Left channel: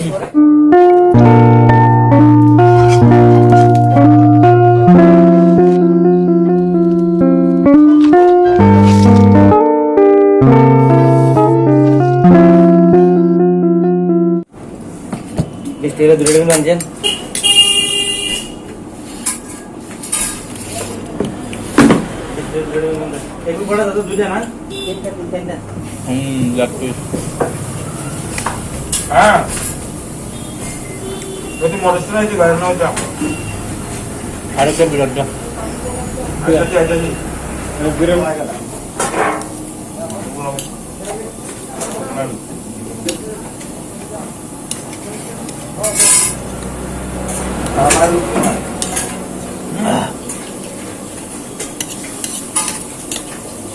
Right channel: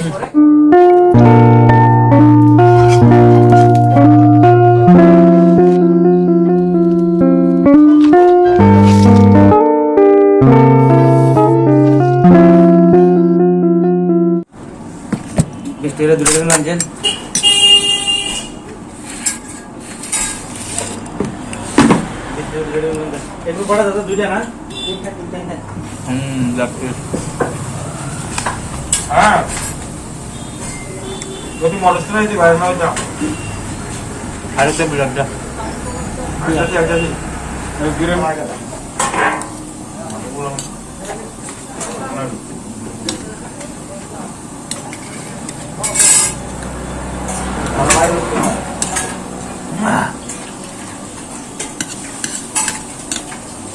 Istirahat dulu lanjut. एक भी बड़ा था दूजा ना जापतोय हां যদি মরছ না এই বাইরে নাও যাও আরেকটা বিড়াটা আচ্ছা আচ্ছা দূরে মাই গেল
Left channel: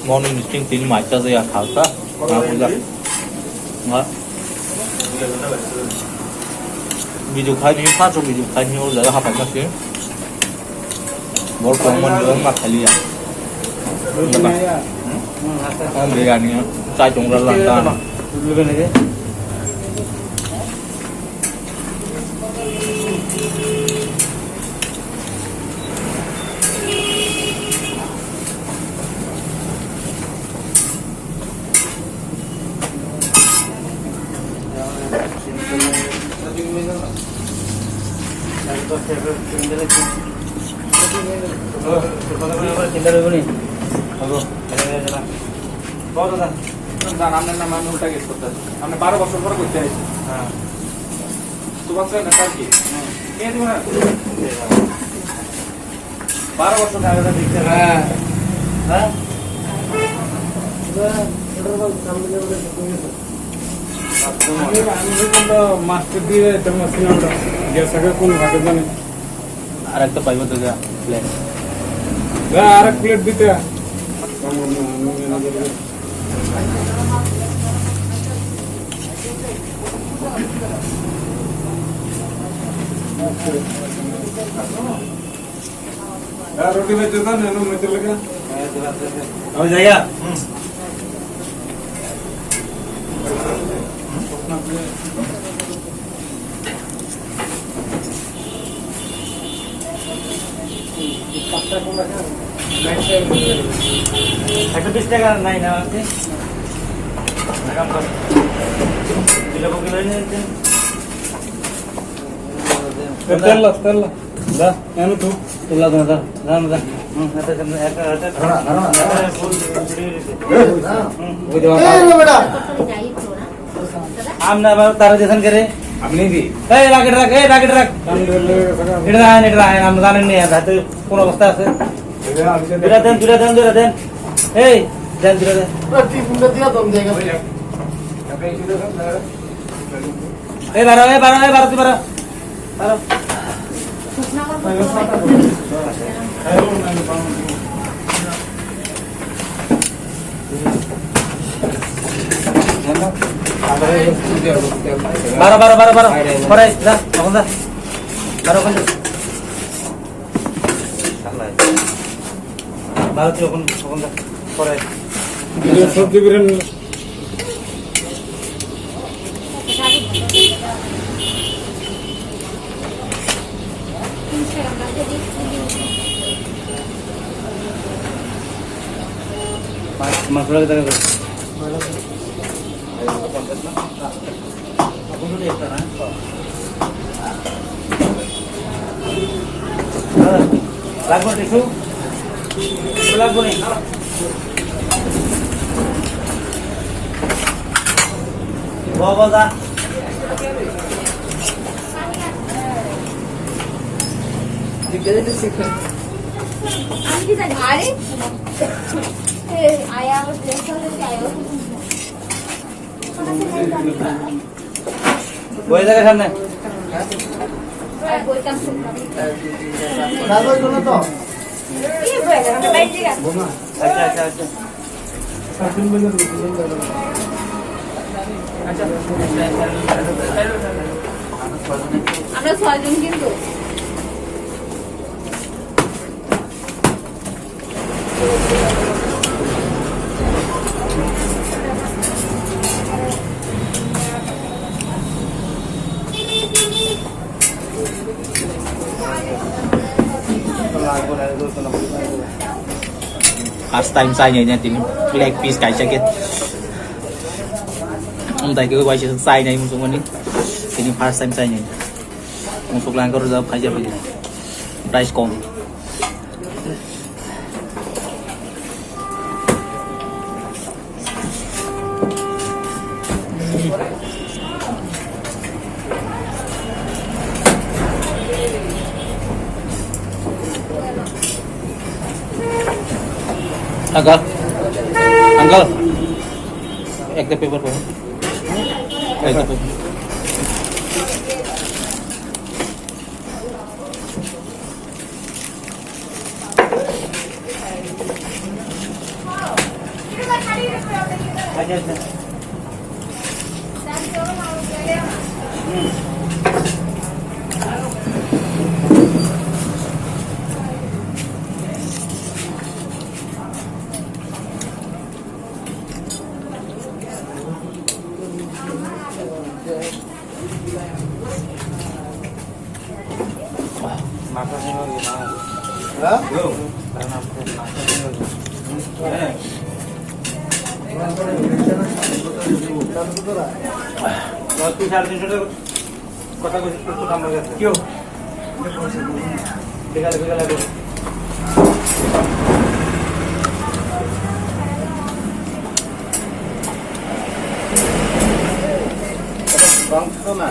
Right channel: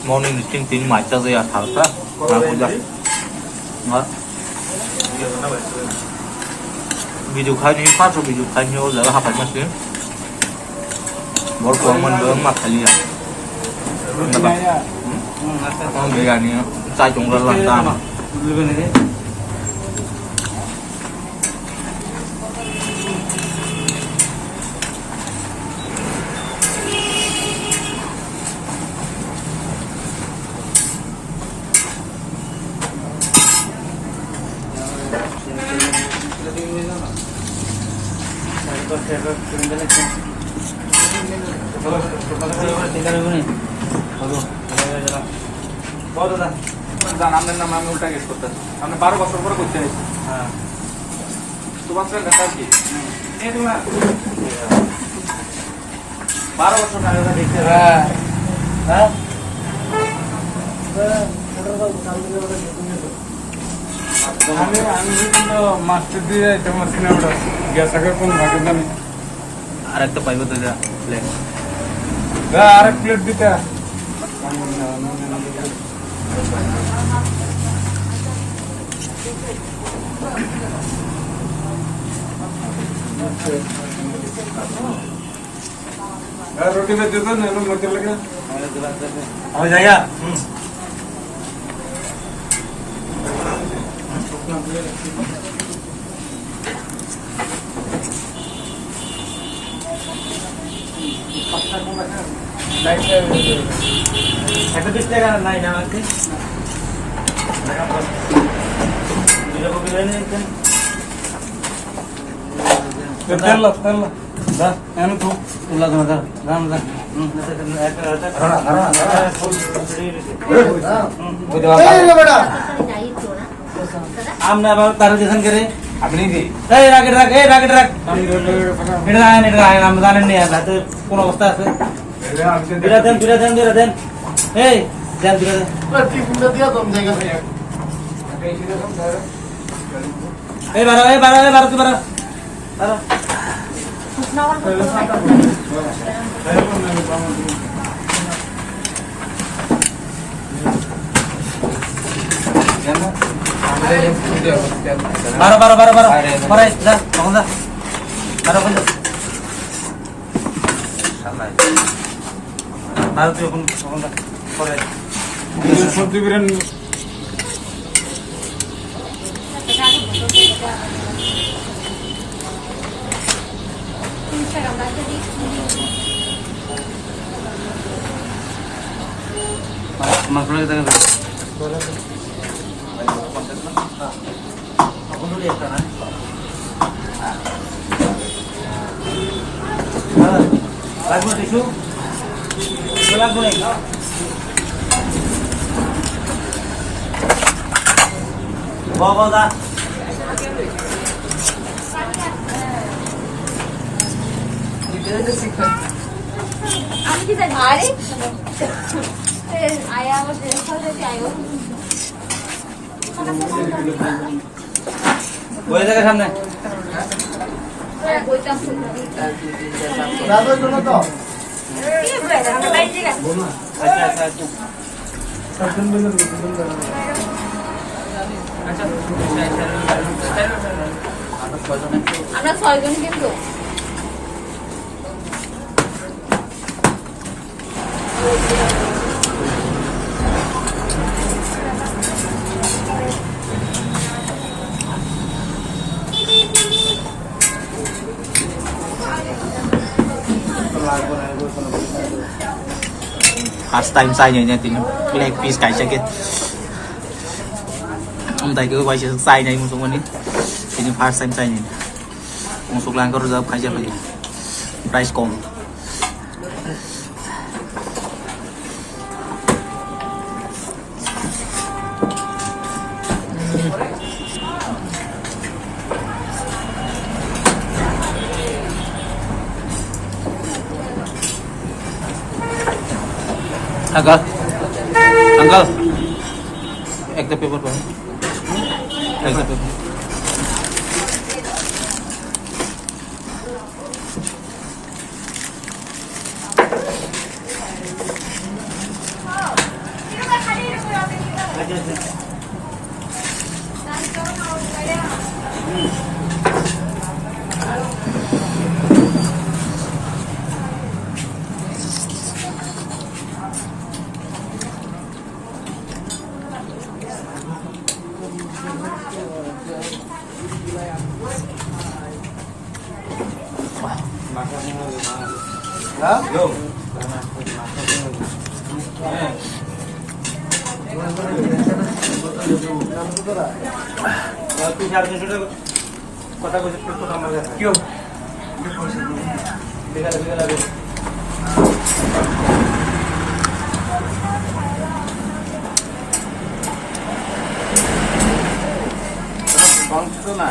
morning meeting tin mai ta ya thal ta na puja nga video khai ni pa to video khai ni o la ha pa ma sin bor ko mon do ma khali ya da ba am le ya ni sai chung ra lan ta আমি 12 বছর পরে করতে আইছি হ্যাঁ তোমার সাথে কথা কি নিয়ে দিও না 12 বছর না না দেখতে হ্যাঁ হ্যাঁ আমি কিন্তু মাস্টার দিয়ে তোমার সিলেটা গ্যাসটাকে পুরো হাতে দেন আরেকটা পাইবো তো যা প্লেট হ্যাঁ আরেক প্লেট দিতে रोटी में देता ना मटर लगा अभी जाएगा itu bisa kan naik nanti tel dah yang itu tulah bentar আমনে আবার তার দেখান করে আপনি কি এই রাকেট রাখ এটা আমরা জানেন না হাতে কোন অবস্থা আছে বিরা দেন এই দেন বিরা দেন প্রতি ফুলে দিয়া দম জায়গা ভাইয়া এই বারো তুই বারো সবজি বিরিয়ানি মশলা দেখা যাচ্ছে লাগবো টিস্যু লাগবো নি বাবা আমি কি জানি আরে আয়া আমার প্লেস হলে কি আয়ো বই জায়গা সামনে বইটা রাজা জন্য তো কি বই আমি বাইরে গেছি আচ্ছা আমরা 6 জন কিন্তু time sai nha tìm cái này piece cái sẽ ông thầy cứ quay sẽ sai nha một số anh thì những first time sai nha một số lang có reserve khai bây giờ price com Uncle, uncle, एक तो paper पर, एक तो কথা বলছিস তো আমার কাছে কিও বিকালে বিকালে আগে বংশ না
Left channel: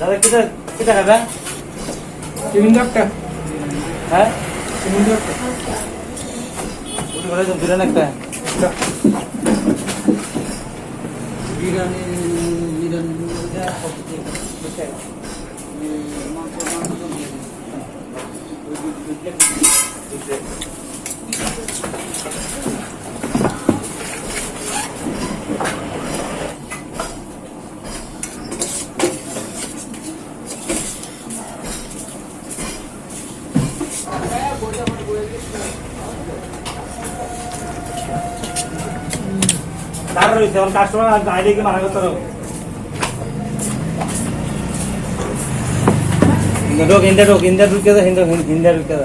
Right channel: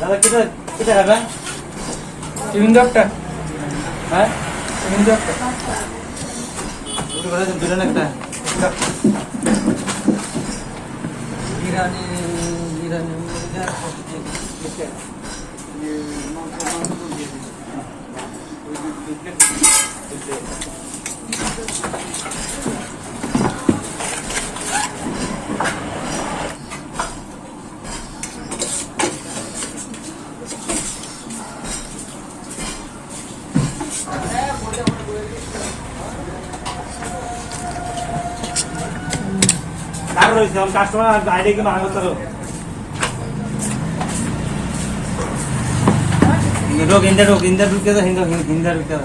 দাদা কিটা কিটা খাবেন চিকেন ডক্টর হ্যাঁ চিকেন ডক্টর ওটা বলে দিলেন একটা বিরিয়ানি বিরিয়ানি কাস্টমার আইডি কি মানা করতে হিন্দা ঢুকে তো হিন্দা ঢুকে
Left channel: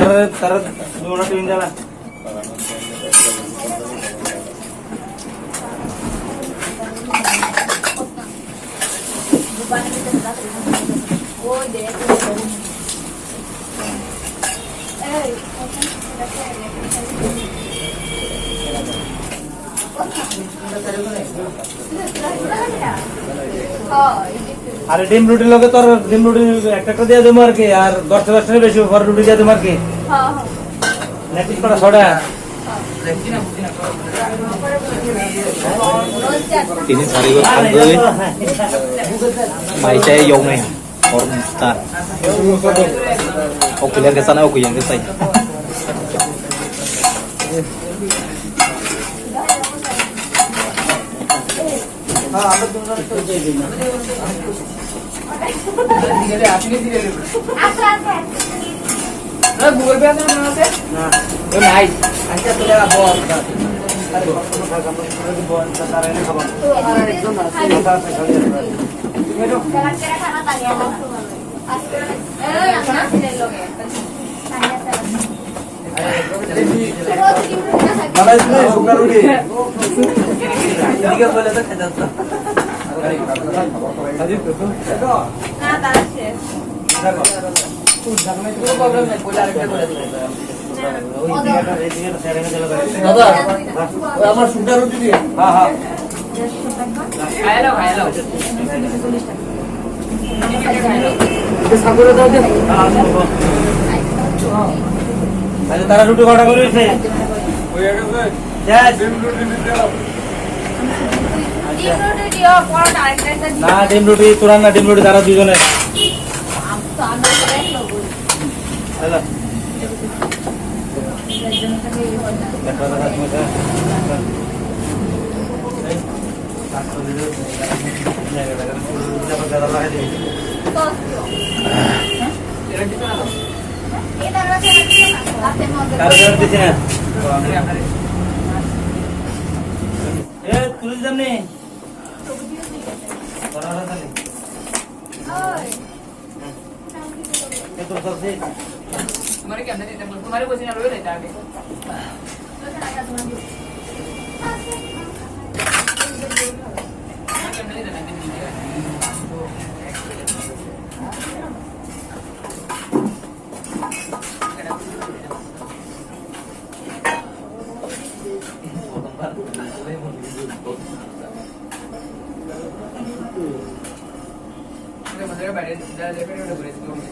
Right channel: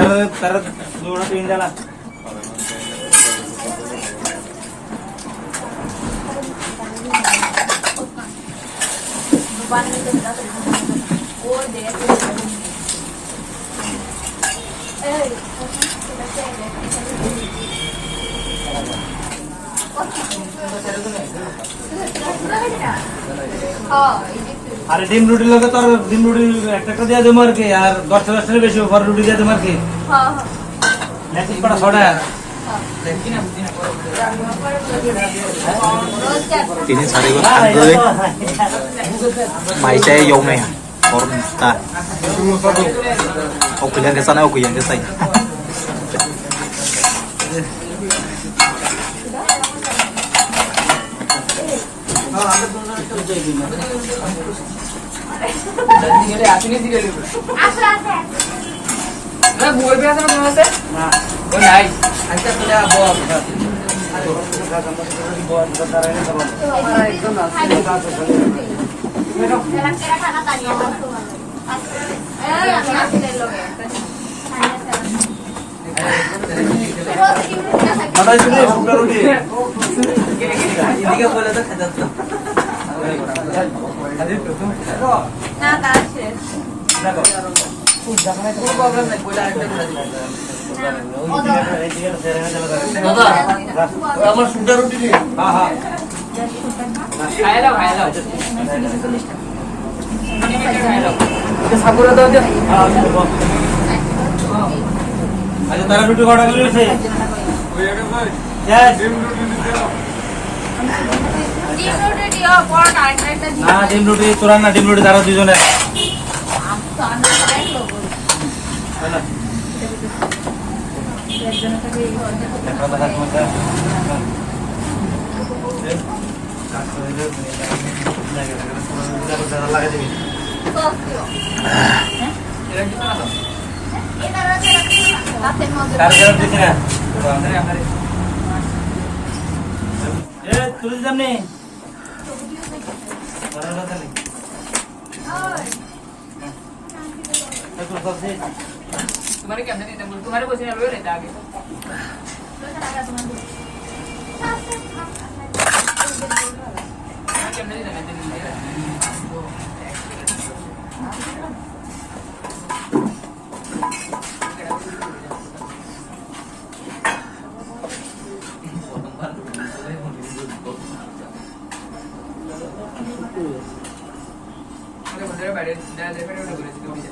তার হিন্দালা আরে ডিম রুটি লোকে তোর ডিম রুটি একটা দিয়ে দেবো আর কি আর 10 বেশি ঘর রুটি দিয়ে দেবো আর কি Tinin sari ko tanggalin. May saya yung may form ta. Okay lang sana okay yan kasi. আমরা দুজন তো দিয়ে দিই না দিলে আপনি দিলে আচ্ছা আচ্ছা গুগল পে আছে না আছে না ও নাই আচ্ছা চলে বল বল बताएं बना একজন আছে কেরা কেরা খানা তানিয়া মাংস মানে এই আমি আসলে লোকে বড় শুনে সুগার রুটি এদিকে বলে তো খেতে দাও না বাসে কোনো প্রবলেম নাই বলে আরেকটা করে দিব দাদা আমার সুগার রুটি দিয়ে হ্যাঁ হ্যাঁ খাই লাও সাগুরে দাও দিও আচ্ছা তারা রুটি কটা করে দিয়েছে ওই আগে কই ডিম রুটি দিতে দাও ডিম রুটি দিও পরোটা আরেকটা দিও না ডিম রুটি তোরা না ডিম রুটি তারা দুজনে তো আমরা সবাই লোক চলো একজন খালি দেখো দাদা তুমি লাগাই দিবি হাতের মধ্যে কার গরম দিছি না এ তুই জানি বড় খালি তো তো সে तुम्हारे क्या अंदर नहीं था तुम्हारे क्वेश्चन रोए रहता आगे तुम्हारे क्या अंदर नहीं था अंदर नहीं मुझे मंदिर में बैठे जरा देर पहले उठे बोले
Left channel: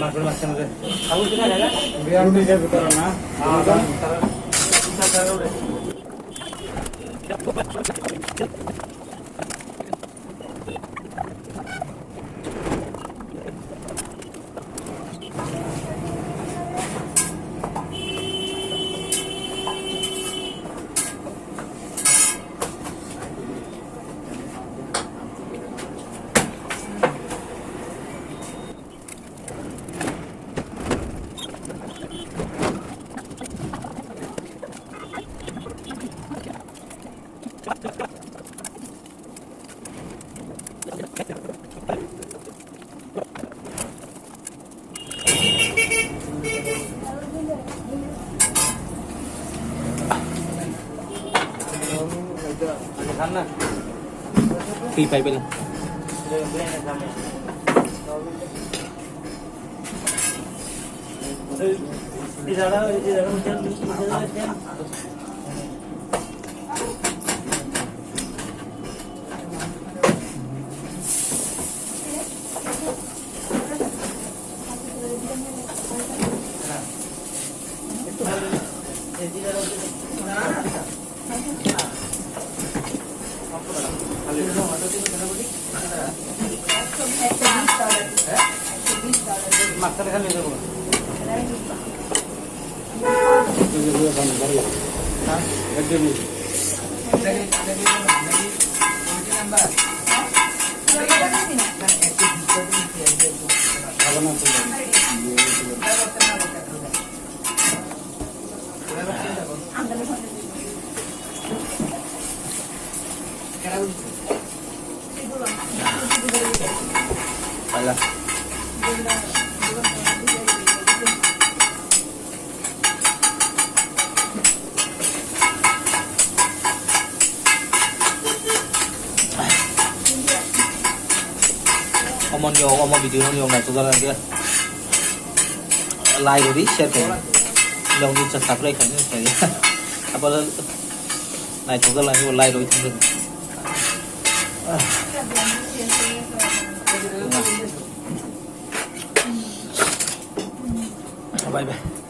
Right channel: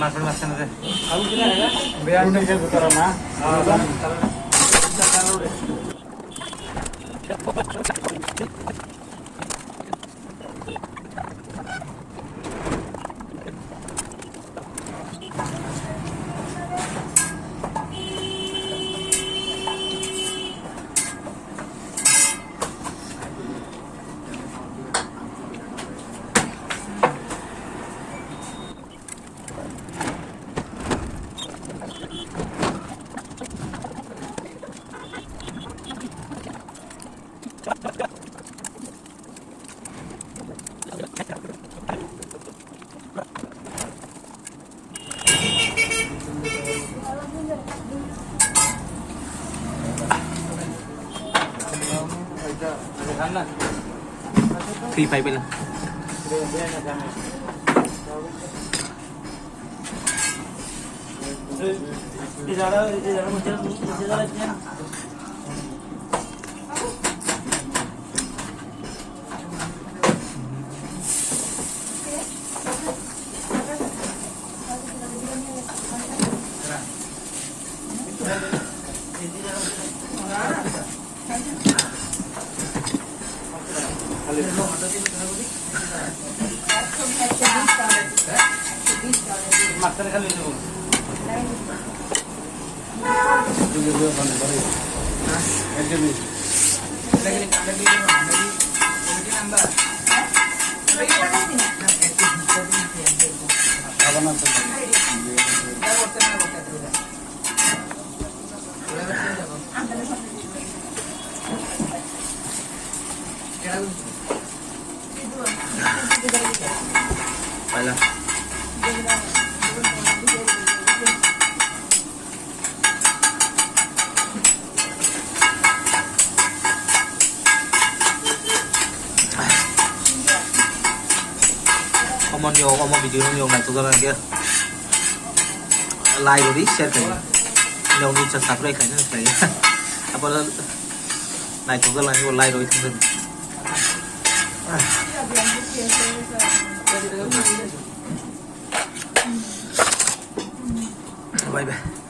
মাছের মাঝখানে aku sini ada kan biar dia buka na খান না 3-5 পেলাম di dalam makan kali ini Pala. Omong video nhiều này chúng ta làm kia like rồi đi share cái nhiều như subscribe cái này apa này chúng ta làm like rồi thằng bye bye